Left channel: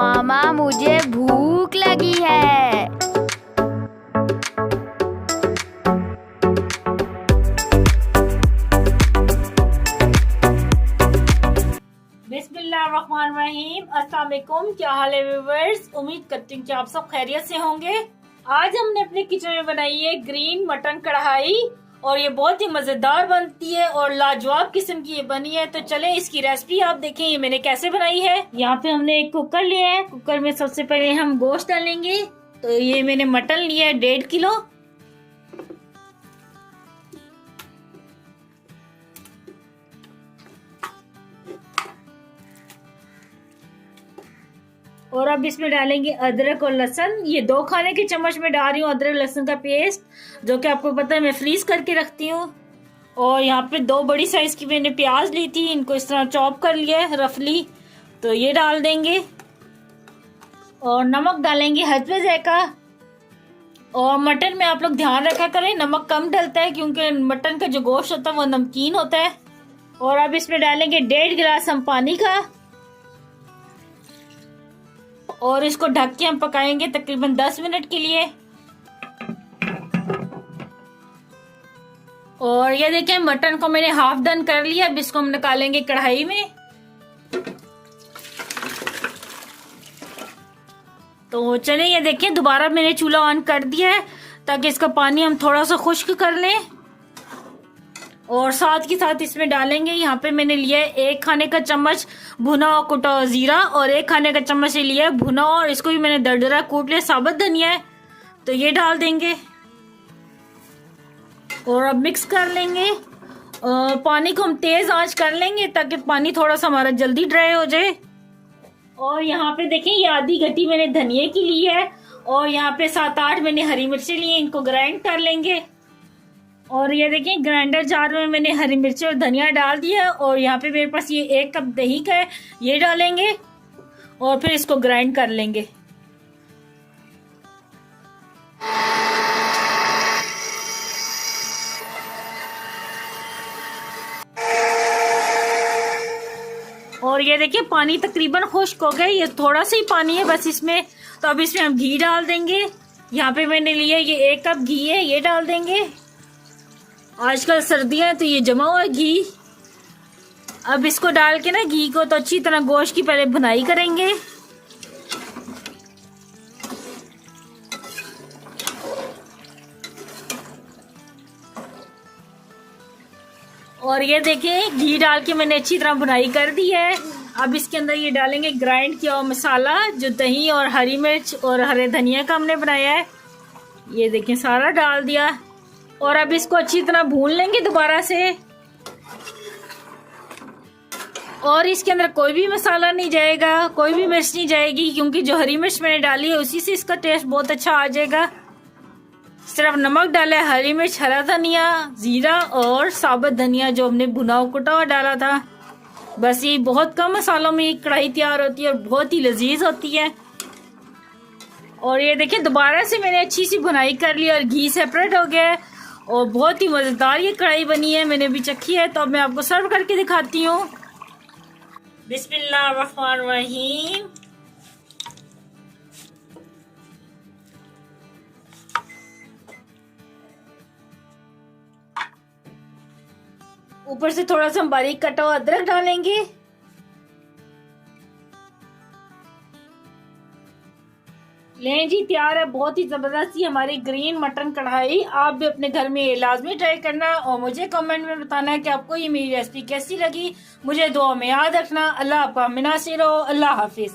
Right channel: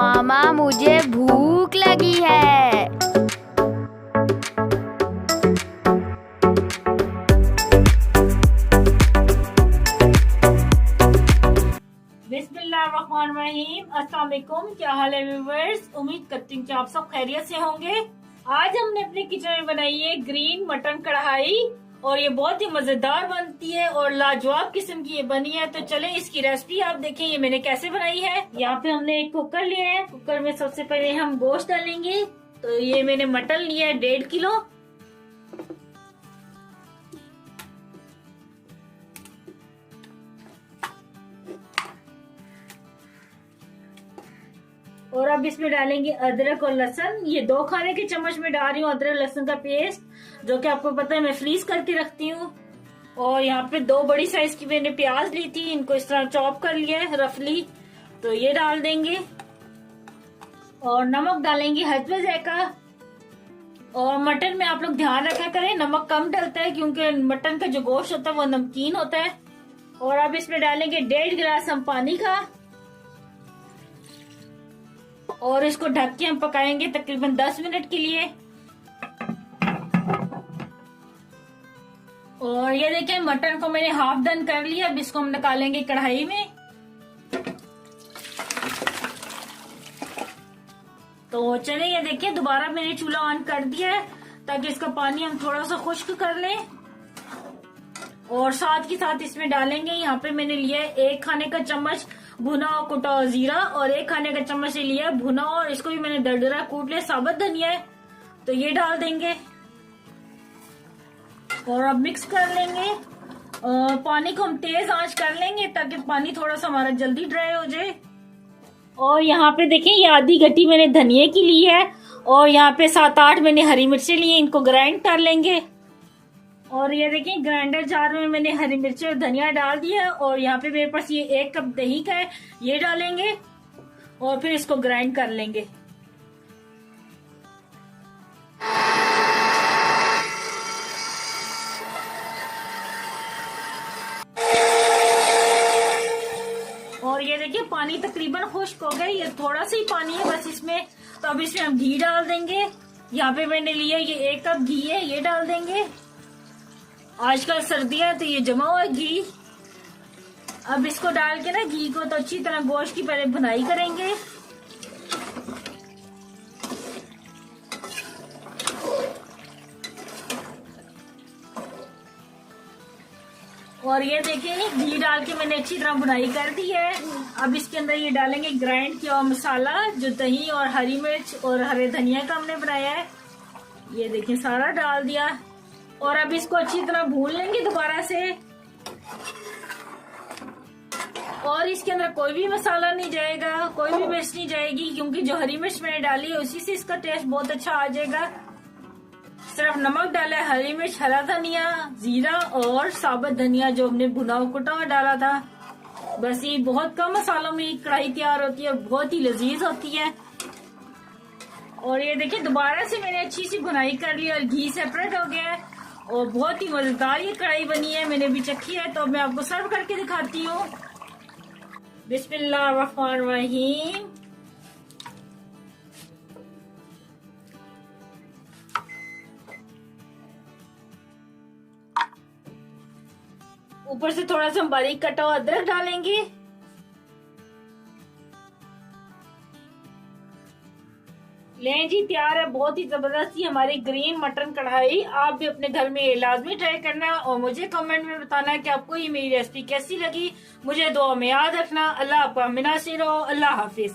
मामा मुझे भूख लगी है। बिस्मिल्लाहिर्रहमानिर्रहीम। अस्सलाम वालेकुम। क्या हाल है व्यूअर्स? उम्मीद करती हूँ कि आप सब खैरियत से होंगे। आज हमने अपने किचन में बनाई है ग्रीन मटन कढ़ाई और ये बहुत ही मजेदार बनती है और लाजवाब किस्म की ये बनी है। तो चले इसकी रेसिपी आप देखें ये मैंने कैसे बनाई है। यहाँ पे हमने एक कुकर लिया है। कुकर में सबसे पहले हम गोश्त डालेंगे। तो ये मैंने मटन लिया है 1.5 किलो। और अब इसमें डालेंगे अदरक और लहसुन। ये 2 खाने के चम्मच में डाल रही हूँ अदरक लहसुन का पेस्ट, जो कि आपको पता है मैं फ्रीज करके रखती हूँ। और यहाँ पे 2 बड़ी साइज की मैंने प्याज ली थी, इनको इस तरह चॉप कर लिया है रफली। तो ये डाल देंगे और नमक डालेंगे हस्बे ज़ायका। और मटन में आप लोग ध्यान रखा करें, नमक कम डलता है क्योंकि मटन का जो गोश्त होता है वो नमकीन होता है। और अब इसमें डालेंगे 1.5 गिलास हम पानी का और इसको ढक के हम पकाएंगे तकरीबन 10 मिनट के लिए। और ये देखिए मटन को मैंने हाफ डन कर लिया। अब इसको हम निकालेंगे कढ़ाई में। तो चलिए ये देखिए दोबारा मैंने चूल्हा ऑन कर दिया है ताकि इसका पानी हम थोड़ा सा खुश्क कर लें। और साथ के साथ इसमें डालेंगे, यहाँ पे मैंने लिया है 1 खाने का चम्मच भुना और कुटा हुआ जीरा और 1 खाने का चम्मच लिया है भुना और इसको भी मैंने दरदरा कूट लिया। साबुत धनिया है तो ये डाल देंगे और अब मिक्स कर लेंगे। पानी को हम तेज आंच कर लेंगे ताकि पानी थोड़ा सा हमारा जल्दी ड्राई हो जाए। और यहाँ पे देखें ये आधी गट्टी मैंने धनिया की ली है और यहाँ पे 7-8 मैंने हरी मिर्ची ली है, इनको ग्राइंड कर लेंगे। और ये देखिए ग्राइंडर जार में मैंने हरी मिर्ची और धनिया डाल दिया है। और यहाँ पे मेरे पास ये 1 कप दही का है, ये डालेंगे और फिर इसको ग्राइंड कर लेंगे। और ये देखिए पानी तकरीबन खुश्क हो गया, ये थोड़ा सा ही पानी है बस इसमें। तो अब इसमें हम घी डाल देंगे। यहाँ पे मैंने लिया ये 1 कप घी है, ये डाल देंगे। आजकल सर्दियां हैं तो ये जमा हुआ घी। अब इसको डाल के ना घी को तो अच्छी तरह गोश्त की पहले भुनाई करेंगे। और ये देखिए घी डाल के मैंने अच्छी तरह भुनाई कर दी है। अब इसके अंदर ये डालेंगे ग्राइंड किया हुआ मसाला, जो दही और हरी मिर्च और हरे धनिया का हमने बनाया है। ये देखिए सारा डाल दिया और अब इसको अच्छी तरह भून लेंगे दोबारा से। और इसके अंदर कोई भी मसाला नहीं जाएगा, कोई भी मिर्च नहीं जाएगी क्योंकि जो हरी मिर्च मैंने डाली है उसी से इसका टेस्ट बहुत अच्छा आ जाएगा। सिर्फ नमक डाला है, हरी मिर्च, हरा धनिया, जीरा और साबुत धनिया जो हमने भुना कुटा हुआ डाला था। बस ये बहुत कम मसालों में कढ़ाई तैयार होती है और बहुत ही लजीज होती है। और ये देखिए दोबारा से मैंने अच्छी सी भुनाई कर ली और घी सेपरेट हो गया है और बहुत ही मजेदार ये कढ़ाई बनी है। मैंने भी चखी है तो अब मैं आपको सर्व करके दिखाती हूँ। बिस्मिल्लाहिर्रहमानिर्रहीम। ऊपर से थोड़ा सा बारीक कटा हुआ अदरक डालेंगे। लें जी तैयार है बहुत ही जबरदस्त ही हमारी ग्रीन मटन कढ़ाई। आप भी अपने घर में ये लाजमी ट्राई करना और मुझे कमेंट में बताना है कि आपको ये मेरी रेसिपी कैसी लगी। मुझे दुआ में याद रखना। अल्लाह आपका मिनासिर हो। अल्लाह हाफिज।